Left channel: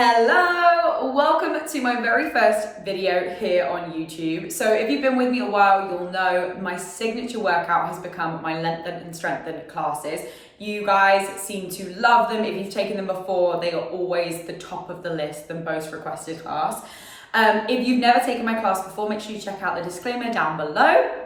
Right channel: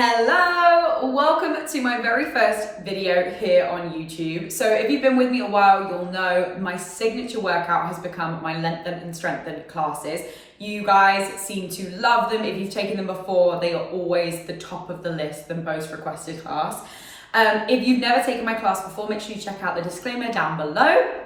Hello, welcome to my very first video here on YouTube. So if you've been with me a while, you'll know my signature workout has become my Lengthen and Strengthen classes. You guys seem to love them. If you've taken them before, they are always the top of the list, the most requested class. If you've never taken my class before, make sure you check out the disclaimer down below.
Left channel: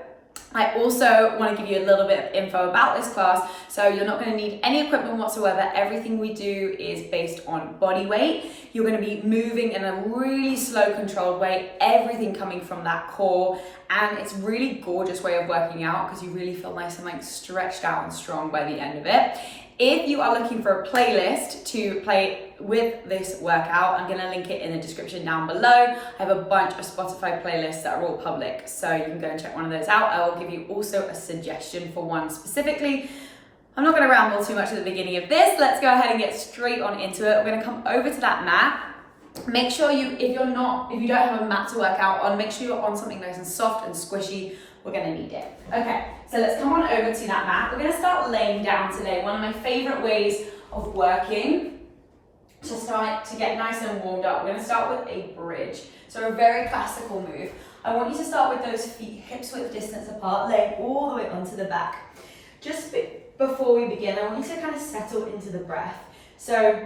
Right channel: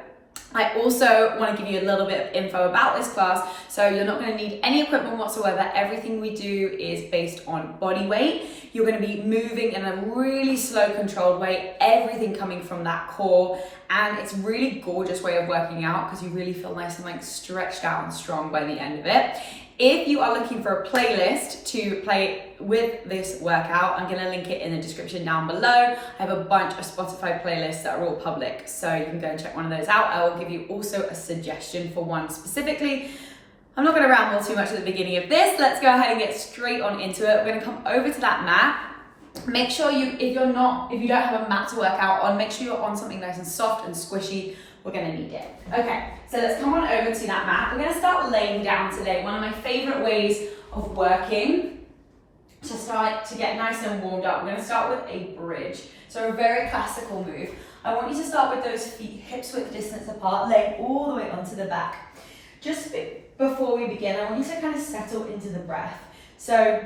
I also want to give you a little bit of info about this class. So you're not going to need any equipment whatsoever. Everything we do is based on body weight. You're going to be moving in a really slow, controlled way, everything coming from that core. And it's a really gorgeous way of working out because you really feel nice and like stretched out and strong by the end of it. If you are looking for a playlist to play with this workout, I'm gonna link it in the description down below. I have a bunch of Spotify playlists that are all public, so you can go and check one of those out. I will give you also a suggestion for one specifically. I'm not gonna ramble too much at the beginning of this. Let's go ahead and get straight on into it. We're gonna come over to that mat. Make sure if you don't have a mat to work out on, make sure you're on something nice and soft and squishy. We're gonna need it. Okay, so let's come on over to that mat. We're gonna start laying down today. One of my favorite ways of working to get nice and warmed up. We're gonna start with a bridge. So a very classical move. I want you to start with those feet hips width distance apart, laying all the way onto the back. Just before we begin, I want you to kind of settle into the breath. So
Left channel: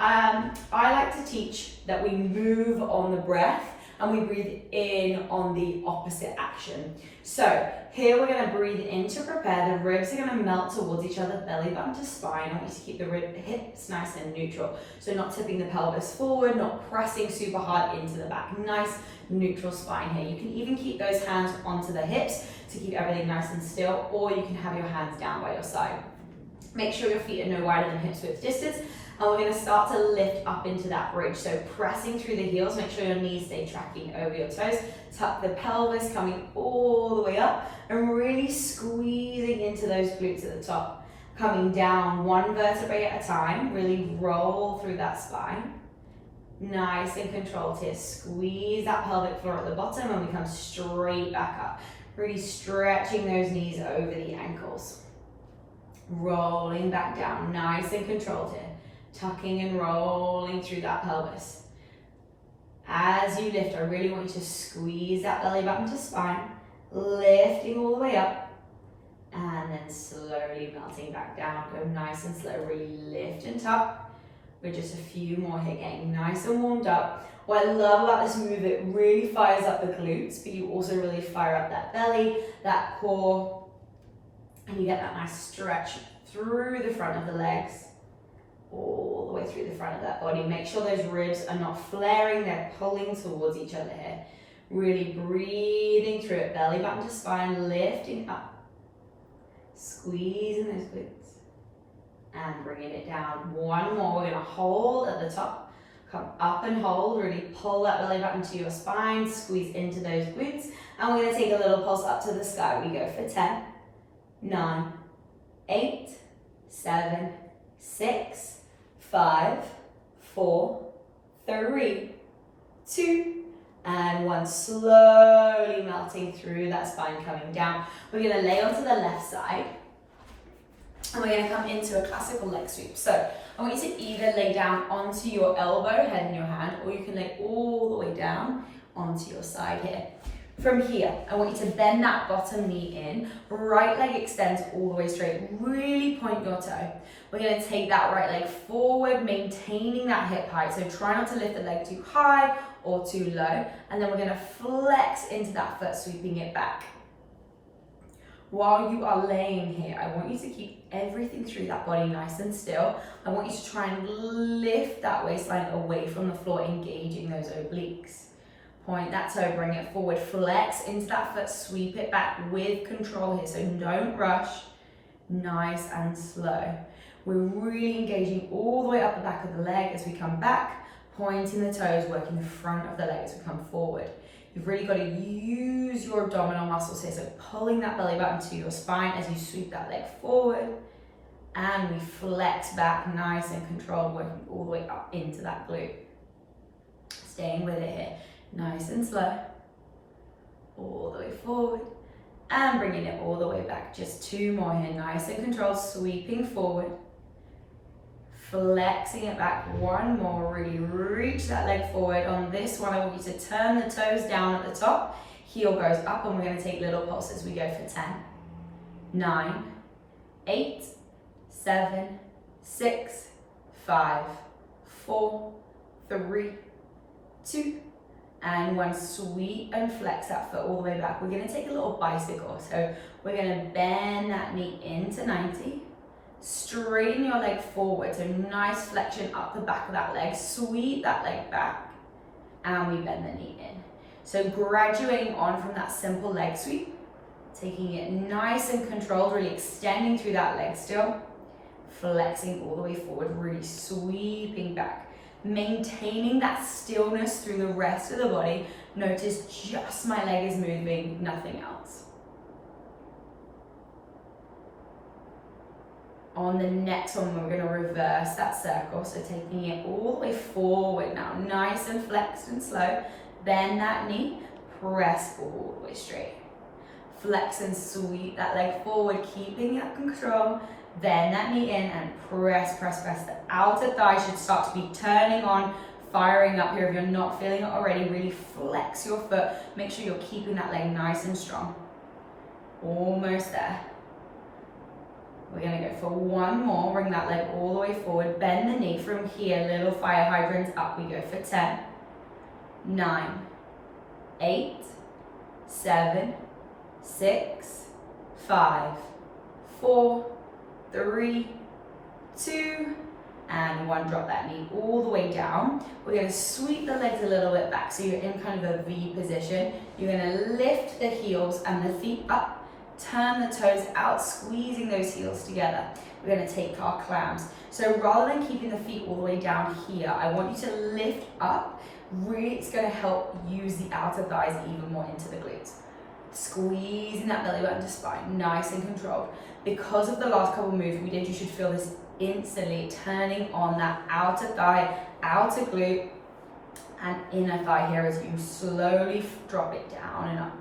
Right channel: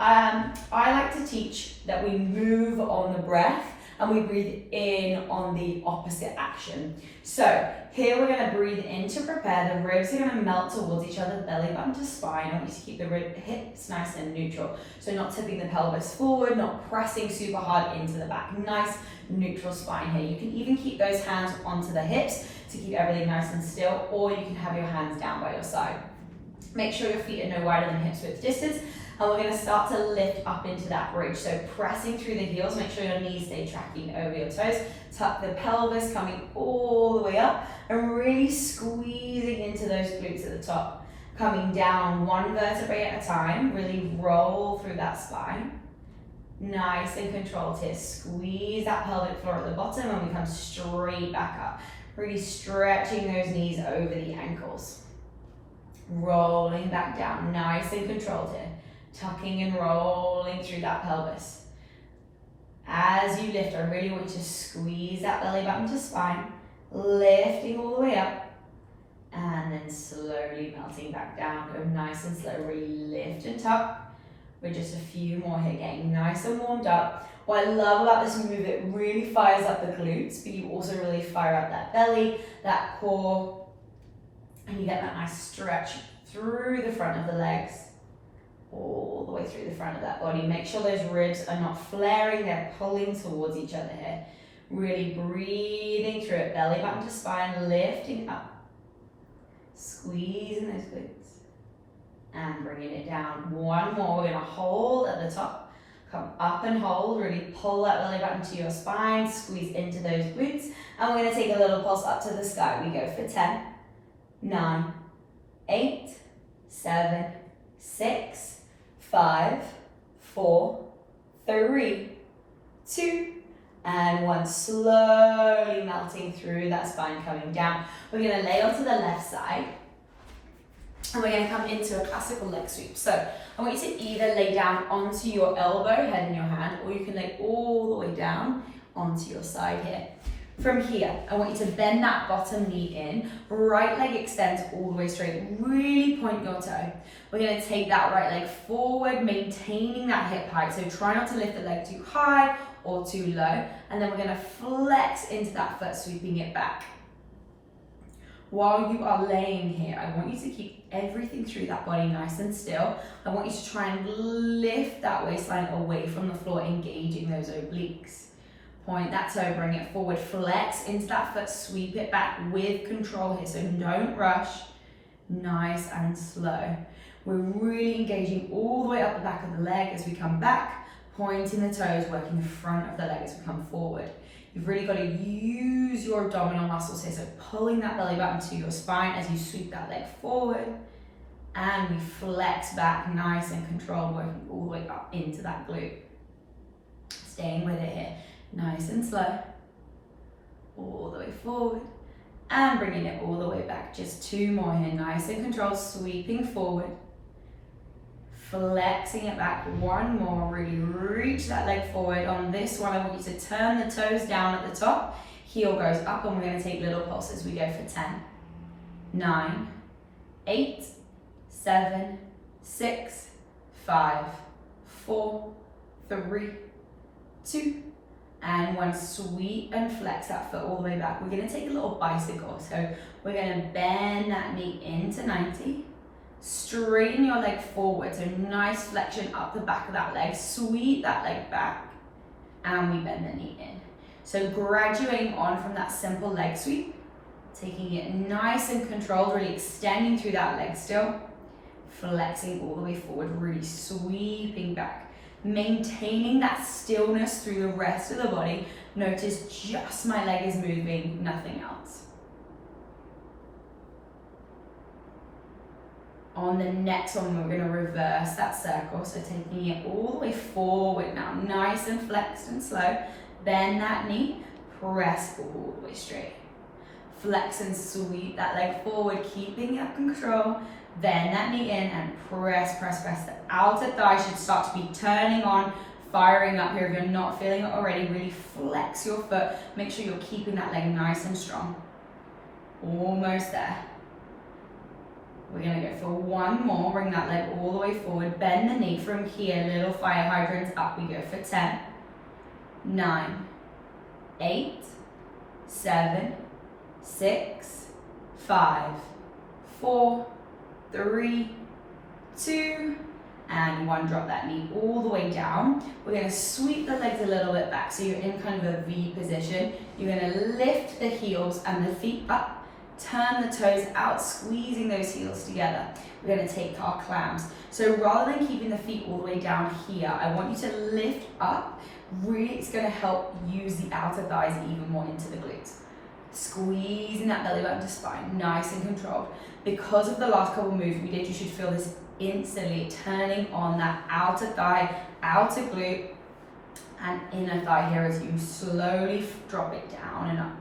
I like to teach that we move on the breath and we breathe in on the opposite action. So here we're gonna breathe in to prepare. The ribs are gonna melt towards each other, belly button to spine. I want you to keep the hips nice and neutral. So not tipping the pelvis forward, not pressing super hard into the back. Nice neutral spine here. You can even keep those hands onto the hips to keep everything nice and still, or you can have your hands down by your side. Make sure your feet are no wider than hips width distance. And we're going to start to lift up into that bridge. So pressing through the heels, make sure your knees stay tracking over your toes. Tuck the pelvis coming all the way up and really squeezing into those glutes at the top. Coming down one vertebrae at a time, really roll through that spine. Nice and controlled here. Squeeze that pelvic floor at the bottom and we come straight back up. Really stretching those knees over the ankles. Rolling back down, nice and controlled here. Tucking and rolling through that pelvis. As you lift, I really want you to squeeze that belly button to spine, lifting all the way up, and then slowly melting back down. Go nice and slow, really lift and tuck. With just a few more here, getting nice and warmed up. What I love about this move, it really fires up the glutes, but you also really fire up that belly, that core, and you get that nice stretch through the front of the legs. All the way through the front of that body. Make sure those ribs are not flaring, they're pulling towards each other here. Really breathing through it, belly button to spine, lifting up. Squeezing those glutes. And bringing it down. One more, we're gonna hold at the top. Come up and hold, really pull that belly button to your spine, squeeze into those glutes. And we're gonna take a little pulse up to the sky. We go for 10, 9, 8, 7, 6, 5, 4, 3, 2, and 1. Slowly melting through that spine, coming down. We're going to lay onto the left side and we're going to come into a classical leg sweep. So I want you to either lay down onto your elbow, head in your hand, or you can lay all the way down onto your side here. From here, I want you to bend that bottom knee in, right leg extends all the way straight, really point your toe. We're gonna take that right leg forward, maintaining that hip height, so try not to lift the leg too high or too low, and then we're gonna flex into that foot, sweeping it back. While you are laying here, I want you to keep everything through that body nice and still. I want you to try and lift that waistline away from the floor, engaging those obliques. Point that toe, bring it forward, flex into that foot, sweep it back with control here, so don't rush, nice and slow. We're really engaging all the way up the back of the leg as we come back, pointing the toes, working the front of the leg as we come forward. You've really got to use your abdominal muscles here, so pulling that belly button to your spine as you sweep that leg forward, and we flex back, nice and controlled, working all the way up into that glute. Staying with it here. Nice and slow, all the way forward, and bringing it all the way back. Just 2 more here, nice and controlled, sweeping forward, flexing it back. One more, really reach that leg forward. On this one, I want you to turn the toes down at the top, heel goes up, and we're gonna take little pulses. We go for 10, 9, 8, 7, 6, 5, 4, 3, 2, and 1. Sweep and flex that foot all the way back. We're gonna take a little bicycle. So we're gonna bend that knee into 90, straighten your leg forward, so nice flexion up the back of that leg, sweep that leg back, and we bend the knee in. So graduating on from that simple leg sweep, taking it nice and controlled, really extending through that leg still, flexing all the way forward, really sweeping back, maintaining that stillness through the rest of the body. Notice just my leg is moving, nothing else. On the next one, we're going to reverse that circle, so taking it all the way forward now, nice and flexed and slow. Bend that knee, press all the way straight. Flex and sweep that leg forward, keeping it control. Bend that knee in and press, press, press. The outer thigh should start to be turning on, firing up here. If you're not feeling it already, really flex your foot. Make sure you're keeping that leg nice and strong. Almost there. We're gonna go for one more. Bring that leg all the way forward. Bend the knee from here, little fire hydrants up. We go for 10, 9, 8, 7, 6, 5, 4, 3, 2, and 1. Drop that knee all the way down. We're gonna sweep the legs a little bit back, so you're in kind of a V position. You're gonna lift the heels and the feet up. Turn the toes out, squeezing those heels together. We're gonna take our clams. So rather than keeping the feet all the way down here, I want you to lift up. Really, it's gonna help use the outer thighs even more into the glutes. Squeezing that belly button to spine, nice and controlled. Because of the last couple moves we did, you should feel this instantly turning on that outer thigh, outer glute, and inner thigh here as you slowly drop it down and up.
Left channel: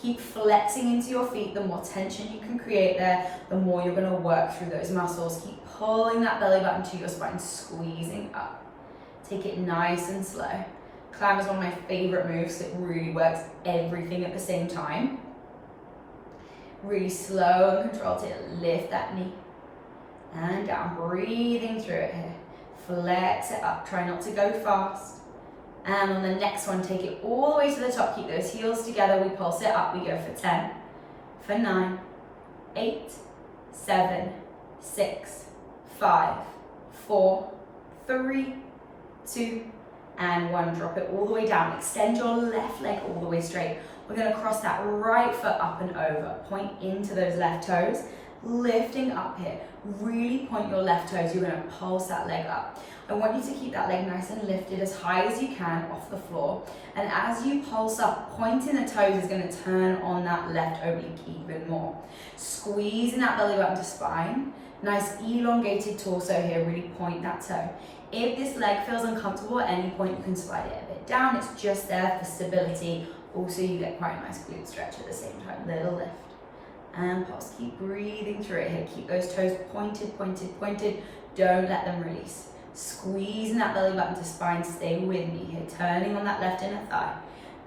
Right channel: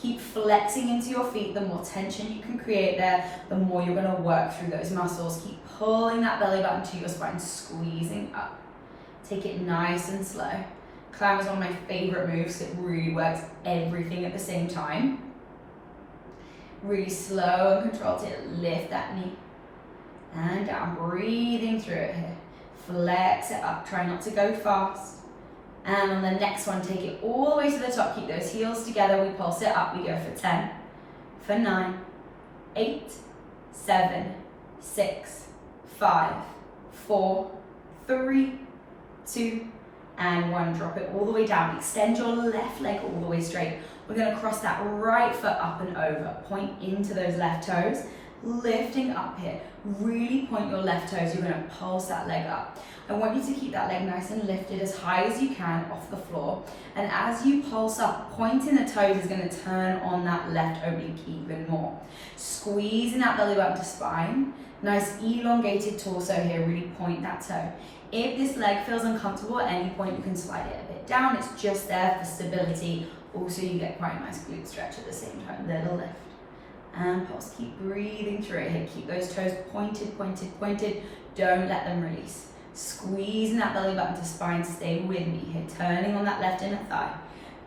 Keep flexing into your feet. The more tension you can create there, the more you're going to work through those muscles. Keep pulling that belly button to your spine, squeezing up. Take it nice and slow. Clam is one of my favorite moves. It really works everything at the same time. Really slow and controlled to lift that knee and down. Breathing through it here. Flex it up. Try not to go fast. And on the next one, take it all the way to the top. Keep those heels together. We pulse it up. We go for 10, for 9, 8, 7, 6, 5, 4, 3, 2, and 1. Drop it all the way down. Extend your left leg all the way straight. We're going to cross that right foot up and over. Point into those left toes. Lifting up here. Really point your left toes. You're going to pulse that leg up. I want you to keep that leg nice and lifted as high as you can off the floor. And as you pulse up, pointing the toes is going to turn on that left oblique even more. Squeezing that belly button to spine. Nice elongated torso here, really point that toe. If this leg feels uncomfortable at any point, you can slide it a bit down. It's just there for stability. Also, you get quite a nice glute stretch at the same time. Little lift. And pulse. Keep breathing through it here. Keep those toes pointed, pointed, pointed. Don't let them release. Squeezing that belly button to spine. Stay with me here. Turning on that left inner thigh.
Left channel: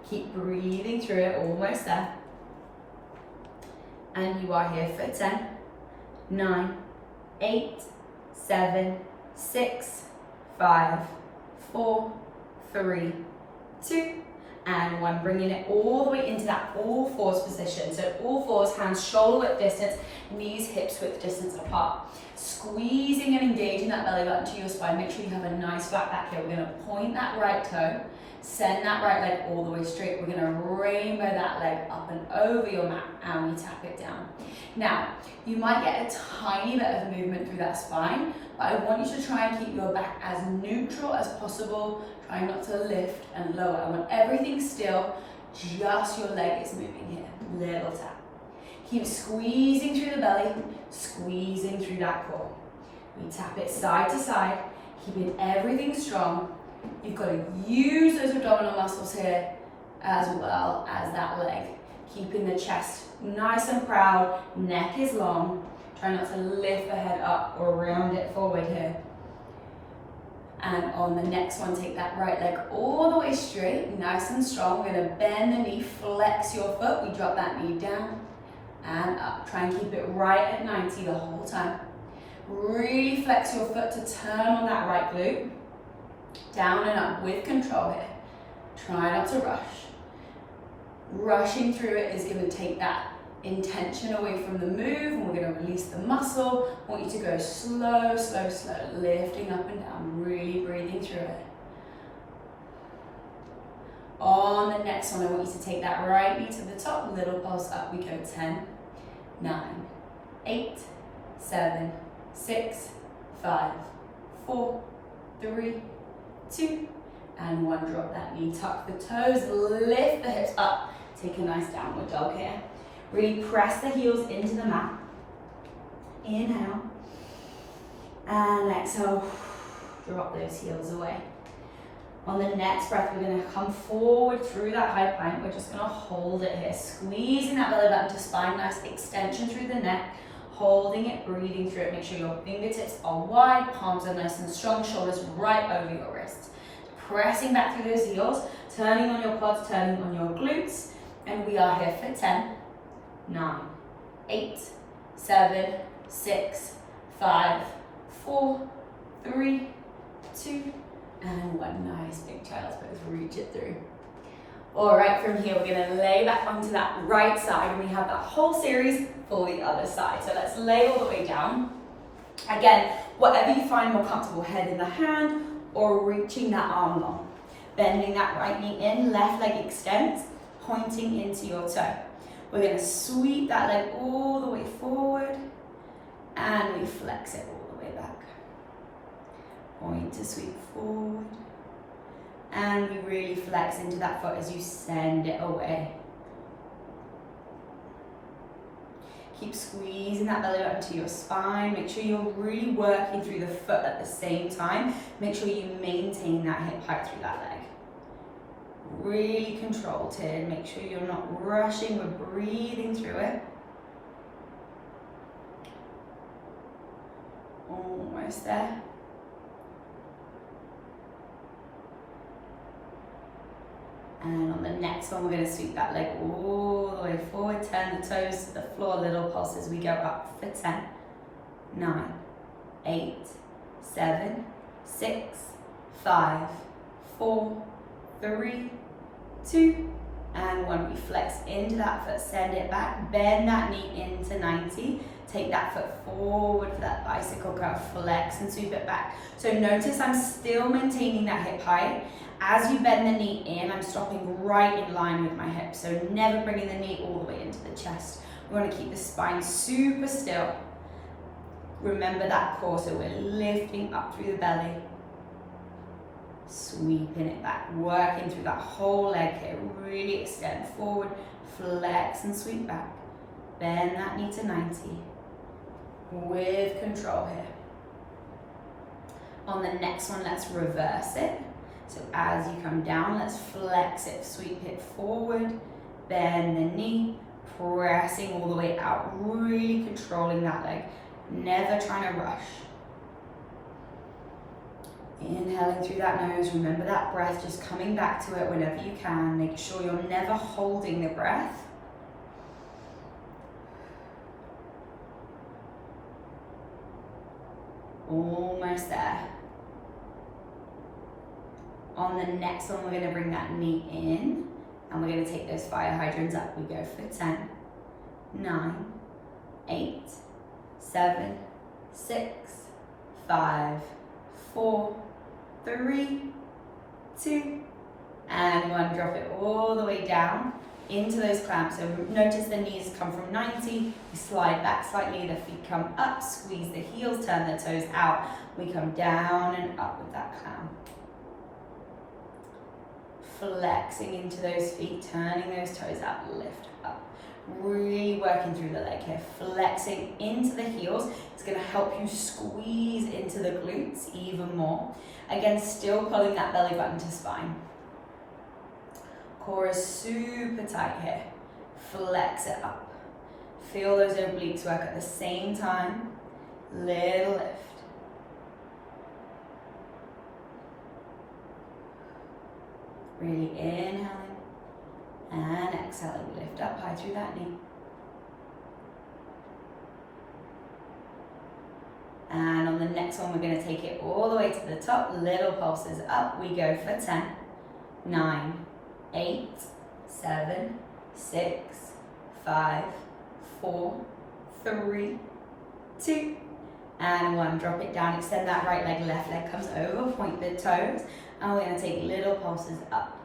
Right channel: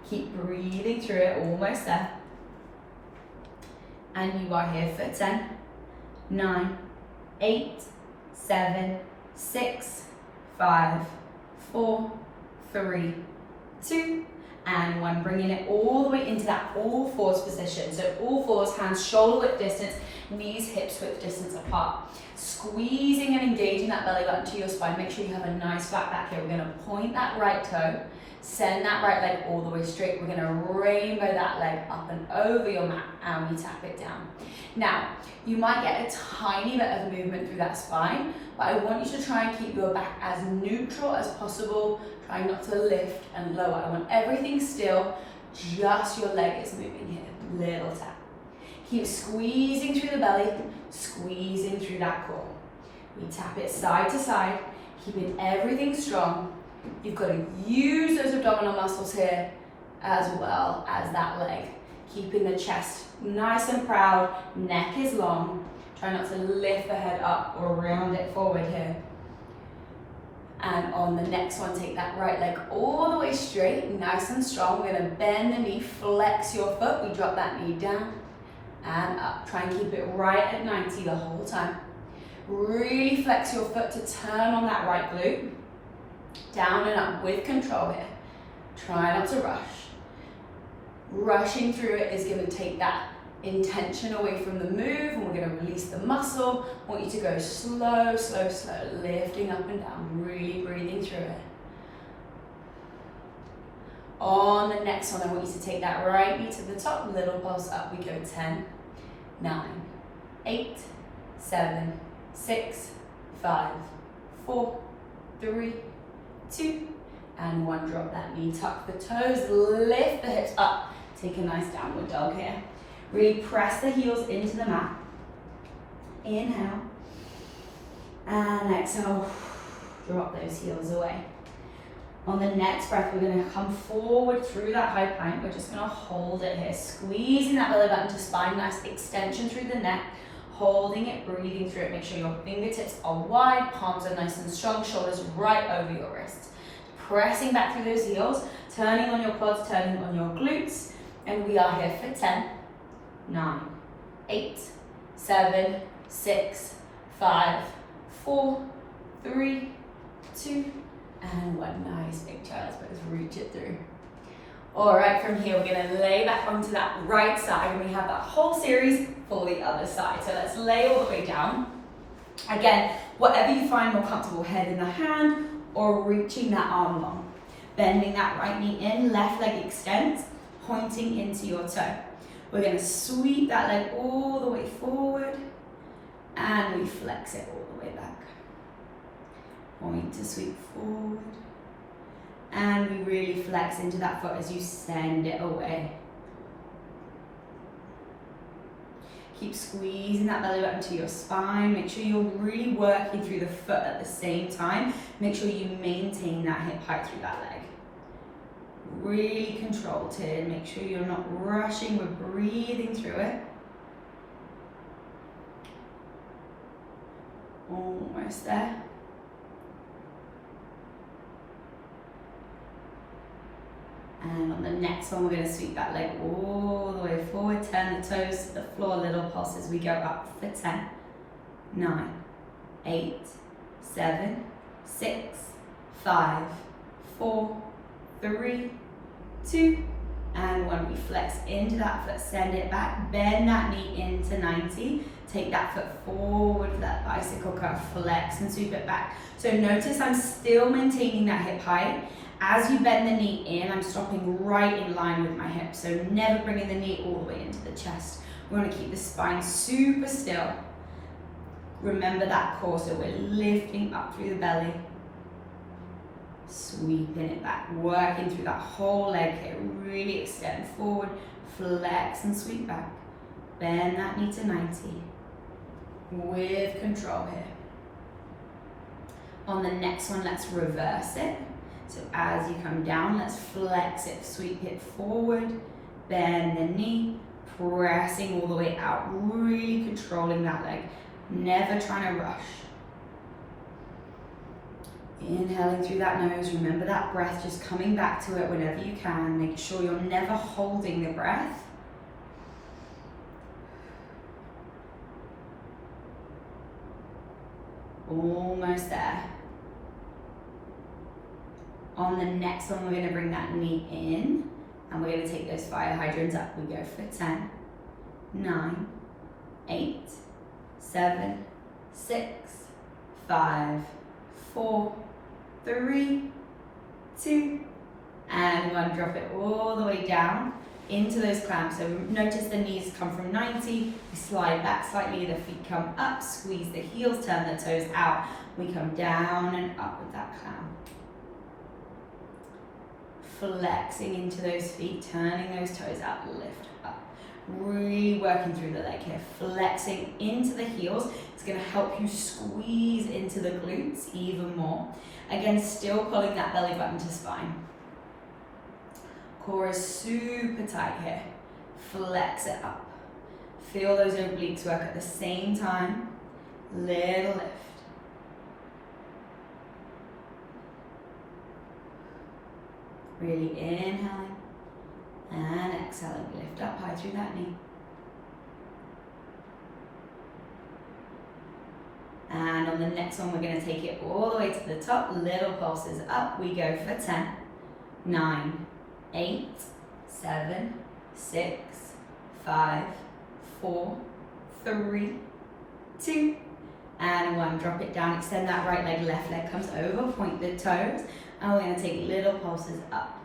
Keep breathing through it. Almost there. And you are here for 10, 9, 8, 7, 6, 5, 4, 3, 2, and 1. Bringing it all the way into that all fours position. So all fours, hands shoulder width distance, knees hips width distance apart. Squeezing and engaging that belly button to your spine. Make sure you have a nice flat back here. We're going to point that right toe, send that right leg all the way straight. We're going to rainbow that leg up and over your mat, and we tap it down. Now, you might get a tiny bit of movement through that spine, but I want you to try and keep your back as neutral as possible. Try not to lift and lower. I want everything still, just your leg is moving here. Little tap. Keep squeezing through the belly, squeezing through that core. We tap it side to side, keeping everything strong. You've got to use those abdominal muscles here as well as that leg. Keeping the chest nice and proud, neck is long. Try not to lift the head up or round it forward here. And on the next one, take that right leg all the way straight, nice and strong. We're gonna bend the knee, flex your foot. We drop that knee down and up. Try and keep it right at 90 the whole time. Really flex your foot to turn on that right glute. Down and up with control here. Try not to rush. Rushing through it is gonna take that intention away from the move, and we're going to release the muscle. I want you to go slow, slow, slow, lifting up and down, really breathing through it. On the next one, I want you to take that right knee to the top, little pulse up. We go 10, 9, 8, 7, 6, 5, 4, 3, 2, and 1. Drop that knee, tuck the toes, lift the hips up. Take a nice downward dog here. Really press the heels into the mat. Inhale. And exhale. Drop those heels away. On the next breath, we're going to come forward through that high plank. We're just going to hold it here. Squeezing that belly button to spine. Nice extension through the neck. Holding it, breathing through it. Make sure your fingertips are wide. Palms are nice and strong. Shoulders right over your wrists. Pressing back through those heels. Turning on your quads, turning on your glutes. And we are here for 10. 9, 8, 7, 6, 5, 4, 3, 2, and 1. Nice big child's pose. Reach it through. All right, from here, we're going to lay back onto that right side, and we have that whole series for the other side. So let's lay all the way down. Again, whatever you find more comfortable, head in the hand or reaching that arm long. Bending that right knee in, left leg extends, pointing into your toe. We're going to sweep that leg all the way forward, and we flex it all the way back. Point to sweep forward, and we really flex into that foot as you send it away. Keep squeezing that belly button to your spine. Make sure you're really working through the foot at the same time. Make sure you maintain that hip height through that leg. Really controlled here. Make sure you're not rushing. We're breathing through it. Almost there. And on the next one, we're going to sweep that leg all the way forward. Turn the toes to the floor. Little pulse as we go up for 10, 9, 8, 7, 6, 5, 4, 3, 2, and 1. We flex into that foot, send it back, bend that knee into 90, take that foot forward for that bicycle curl, flex and sweep it back. So notice I'm still maintaining that hip height. As you bend the knee in, I'm stopping right in line with my hips. So never bringing the knee all the way into the chest. We want to keep the spine super still. Remember that core, so we're lifting up through the belly. Sweeping it back, working through that whole leg here. Really extend forward, flex and sweep back. Bend that knee to 90 with control here. On the next one, let's reverse it. So as you come down, let's flex it, sweep it forward, bend the knee, pressing all the way out, really controlling that leg, never trying to rush. Inhaling through that nose, remember that breath, just coming back to it whenever you can. Make sure you're never holding the breath. Almost there. On the next one, we're going to bring that knee in, and we're going to take those fire hydrants up. We go for 10, 9, 8, 7, 6, 5, 4, 3, 2, and 1. Drop it all the way down into those clamps. So notice the knees come from 90, we slide back slightly, the feet come up, squeeze the heels, turn the toes out. We come down and up with that clamp. Flexing into those feet, turning those toes out, lift up. Really working through the leg here, flexing into the heels. It's going to help you squeeze into the glutes even more. Again, still pulling that belly button to spine. Core is super tight here. Flex it up. Feel those obliques work at the same time. Little lift. Really inhaling and exhaling. Lift up high through that knee. And on the next one, we're going to take it all the way to the top. Little pulses up. We go for 10, 9, 8, 7, 6, 5, 4, 3, 2, and 1. Drop it down. Extend that right leg, left leg comes over. Point the toes. And we're going to take little pulses up.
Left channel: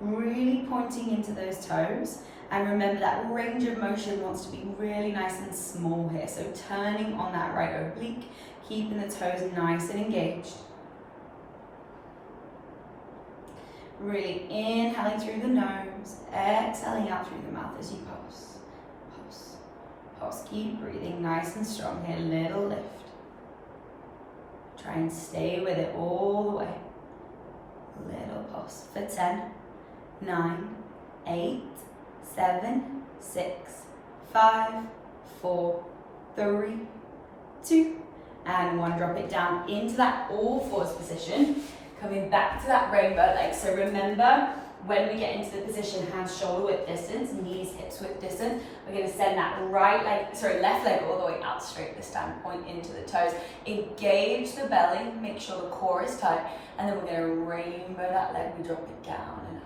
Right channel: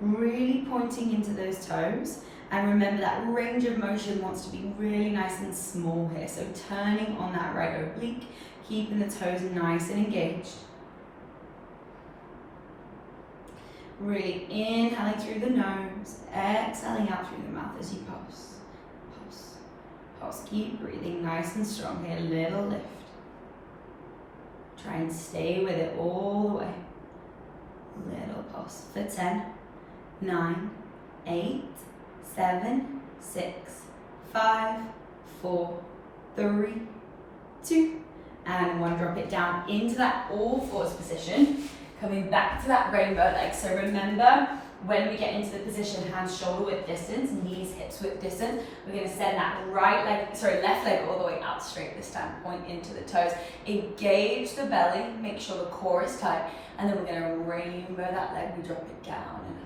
Really pointing into those toes. And remember that range of motion wants to be really nice and small here. So turning on that right oblique, keeping the toes nice and engaged. Really inhaling through the nose, exhaling out through the mouth as you pulse. Pulse, pulse. Keep breathing nice and strong here. Little lift. Try and stay with it all the way. Little pulse for 10, 9, 8, 7, 6, 5, 4, 3, 2, and 1. Drop it down into that all fours position. Coming back to that rainbow leg. So remember, when we get into the position, hands shoulder width distance, knees hips width distance, we're going to send that left leg all the way out straight this time, point into the toes. Engage the belly, make sure the core is tight, and then we're going to rainbow that leg, we drop it down.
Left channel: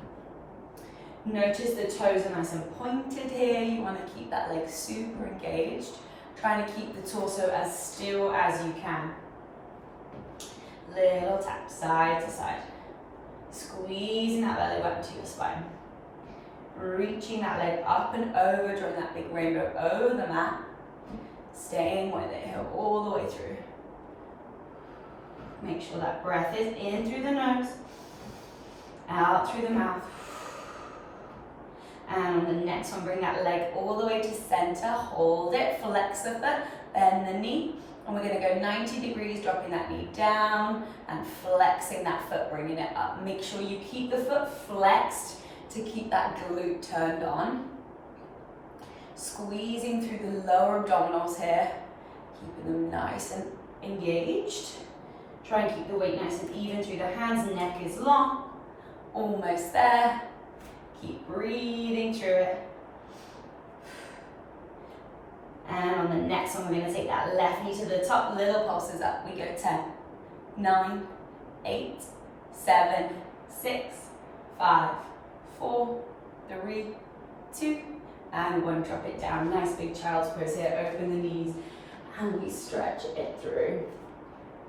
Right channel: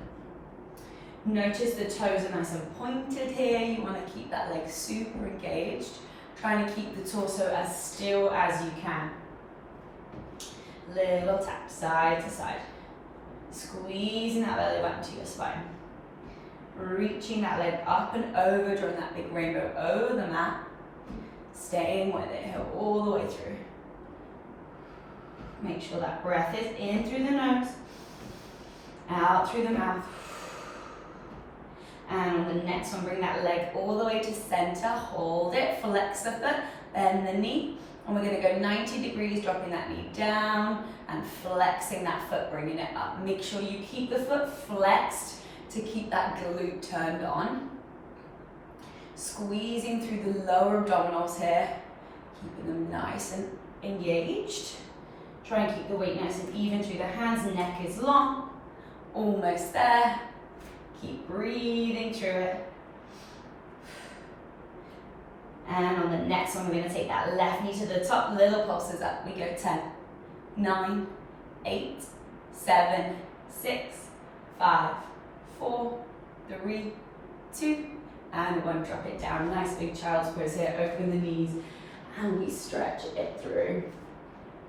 And notice the toes are nice and pointed here. You want to keep that leg super engaged, trying to keep the torso as still as you can. Little tap, side to side. Squeezing that belly button to your spine. Reaching that leg up and over, drawing that big rainbow over the mat. Staying with it here all the way through. Make sure that breath is in through the nose, out through the mouth. And on the next one, bring that leg all the way to center. Hold it, flex the foot, bend the knee. And we're going to go 90 degrees, dropping that knee down and flexing that foot, bringing it up. Make sure you keep the foot flexed to keep that glute turned on. Squeezing through the lower abdominals here, keeping them nice and engaged. Try and keep the weight nice and even through the hands. Neck is long, almost there. Keep breathing through it. And on the next one, we're going to take that left knee to the top, little pulses up. We go 10, 9, 8, 7, 6, 5, 4, 3, 2, and 1. Drop it down. Nice big child's pose here. Open the knees and we stretch it through.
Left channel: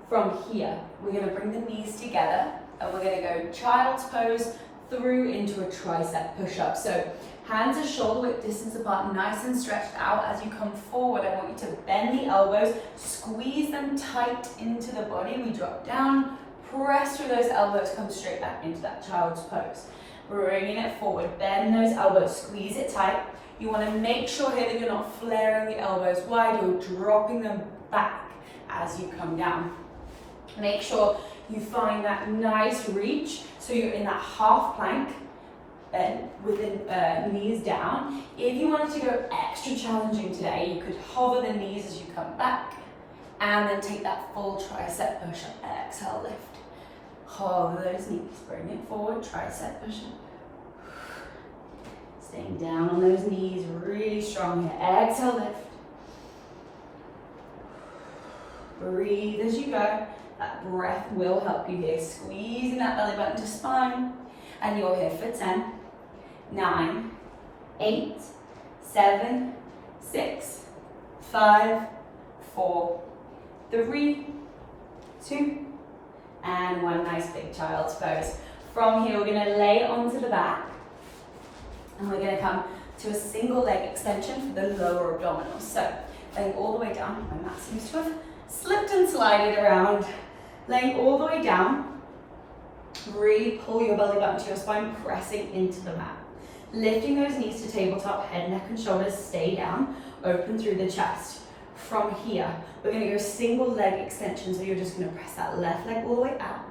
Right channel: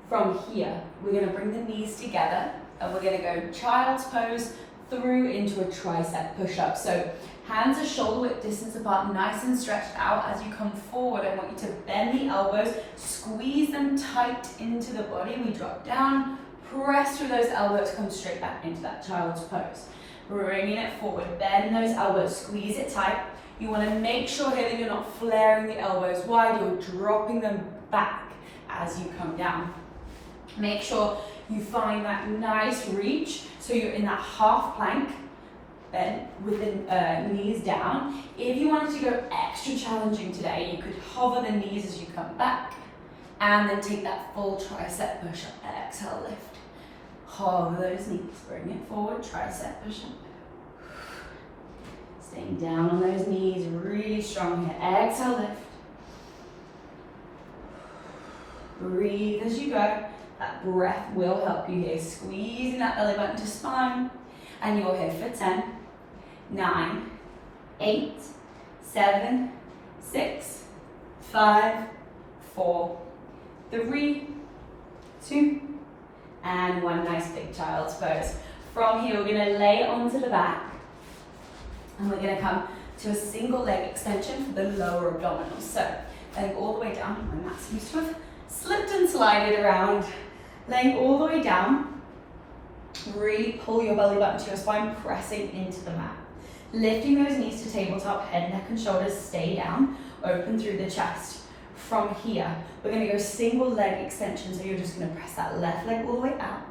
From here, we're going to bring the knees together and we're going to go child's pose through into a tricep push-up. So hands are shoulder width distance apart, nice and stretched out. As you come forward, I want you to bend the elbows, squeeze them tight into the body. We drop down, press through those elbows, come straight back into that child's pose. Bringing it forward, bend those elbows, squeeze it tight. You want to make sure here that you're not flaring the elbows wide, you're dropping them back as you come down. Make sure you find that nice reach, so you're in that half plank, bend with the knees down. If you wanted to go extra challenging today, you could hover the knees as you come back, and then take that full tricep push-up. Exhale, lift. Hover those knees, bring it forward, tricep push-up. Staying down on those knees, really strong here. Exhale, lift. Breathe as you go. That breath will help you here. Squeezing that belly button to spine. And you're here for 10, 9, 8, 7, 6, 5, 4, 3, 2, and 1. Nice big child's pose. From here, we're going to lay onto the back. And we're going to come to a single leg extension for the lower abdominals. So, laying all the way down. My mat seems to have slipped and slided around. Laying all the way down, really pull your belly button to your spine, pressing into the mat. Lifting those knees to tabletop, head, neck and shoulders stay down, open through the chest. From here, we're going to go single leg extension, so you're just going to press that left leg all the way out,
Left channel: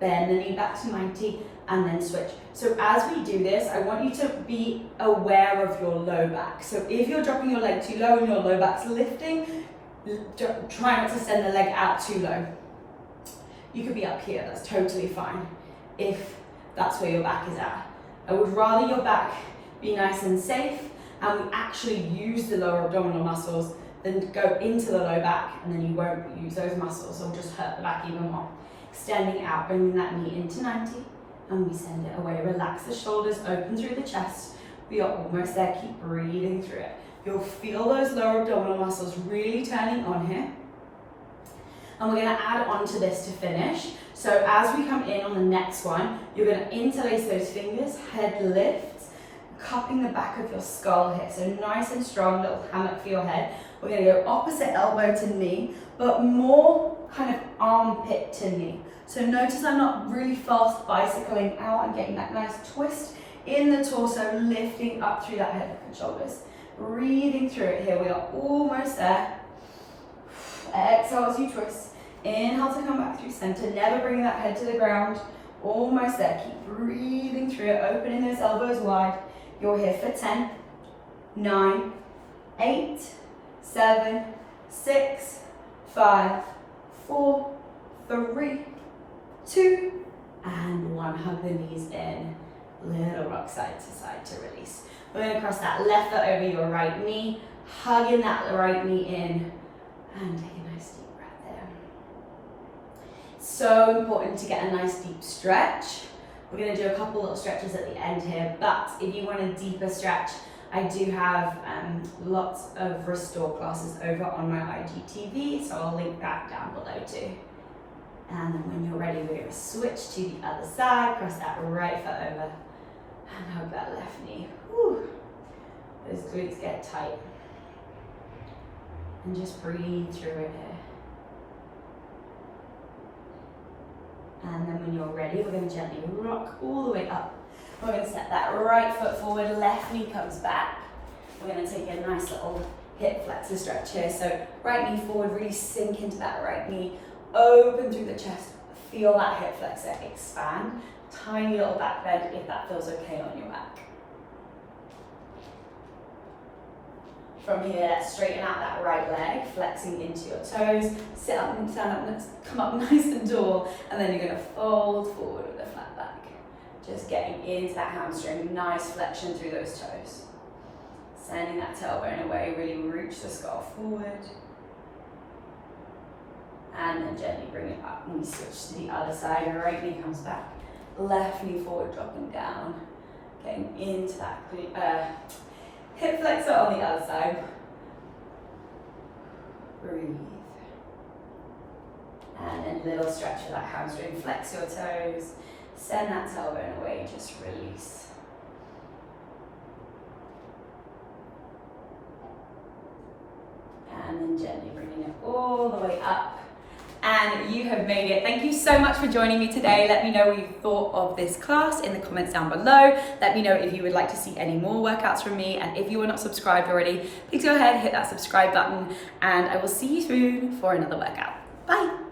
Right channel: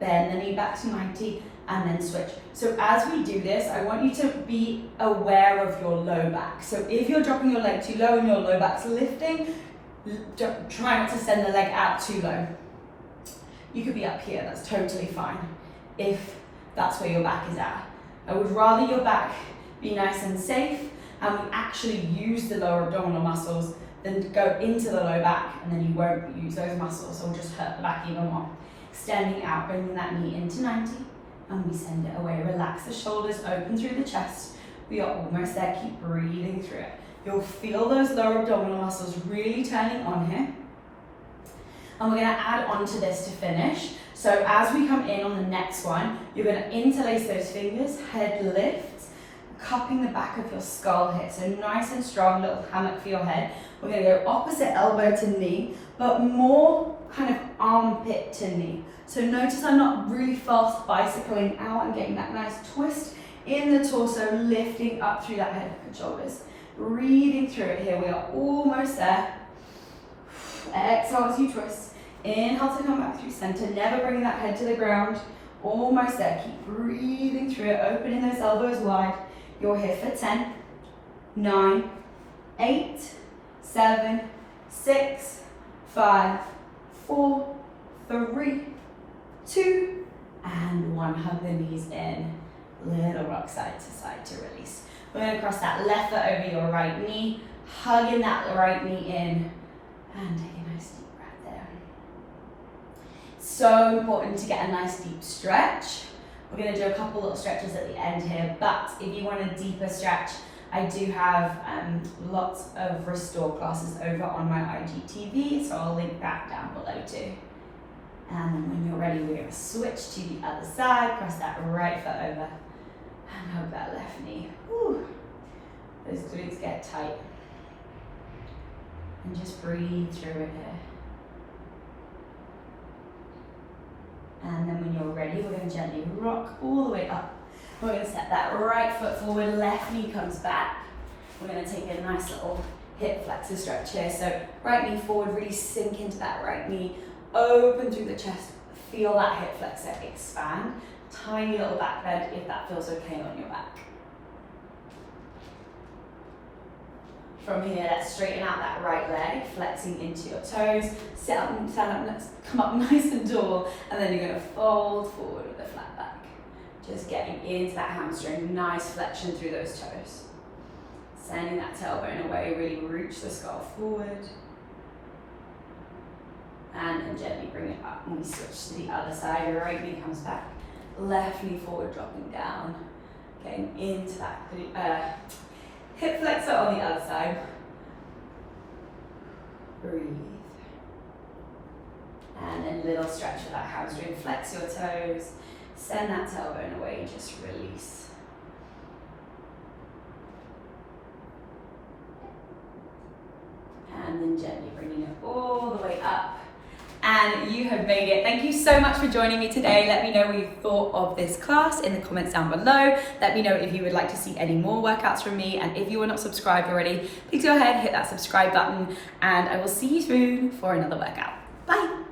bend the knee back to 90, and then switch. So as we do this, I want you to be aware of your low back. So if you're dropping your leg too low and your low back's lifting, try not to send the leg out too low. You could be up here, that's totally fine. If that's where your back is at. I would rather your back be nice and safe and we actually use the lower abdominal muscles than go into the low back and then you won't use those muscles, so we'll just hurt the back even more. Extending out, bringing that knee into 90, and we send it away. Relax the shoulders, open through the chest. We are almost there, keep breathing through it. You'll feel those lower abdominal muscles really turning on here. And we're gonna add on to this to finish. So as we come in on the next one, you're gonna interlace those fingers, head lifts, cupping the back of your skull here. So nice and strong, little hammock for your head. We're gonna go opposite elbow to knee, but more kind of armpit to knee. So notice I'm not really fast bicycling out. I'm getting that nice twist in the torso, lifting up through that head, neck and shoulders. Breathing through it here. We are almost there. Exhale as you twist. Inhale to come back through center. Never bring that head to the ground. Almost there. Keep breathing through it, opening those elbows wide. You're here for 10, 9, 8, 7, 6, 5, 4, 3, 2, and 1. Hug the knees in. Little rock side to side to release. We're going to cross that left foot over your right knee, hugging that right knee in, and take a nice deep breath there. So important to get a nice deep stretch. We're going to do a couple little stretches at the end here, but if you want a deeper stretch, I do have lots of restore classes over on my IGTV, so I'll link that down below too. And then when you're ready, we're going to switch to the other side, cross that right foot over, and hug that left knee. Whew. Those glutes get tight. And just breathe through it here. And then when you're ready, we're going to gently rock all the way up. We're going to step that right foot forward, left knee comes back. We're going to take a nice little hip flexor stretch here. So right knee forward, really sink into that right knee. Open through the chest, feel that hip flexor expand. Tiny little back bend if that feels okay on your back. From here, let's straighten out that right leg, flexing into your toes. Sit up and stand up, come up nice and tall, and then you're going to fold forward with a flat back. Just getting into that hamstring, nice flexion through those toes. Sending that tailbone away, really reach the skull forward. And then gently bring it up when we switch to the other side. Your right knee comes back, left knee forward, dropping down, getting into that hip flexor on the other side. Breathe. And then little stretch of that hamstring, flex your toes, send that tailbone away, just release. And then gently bringing it all the way up. And you have made it. Thank you so much for joining me today. Let me know what you thought of this class in the comments down below. Let me know if you would like to see any more workouts from me. And if you are not subscribed already, please go ahead, hit that subscribe button, and I will see you soon for another workout. Bye.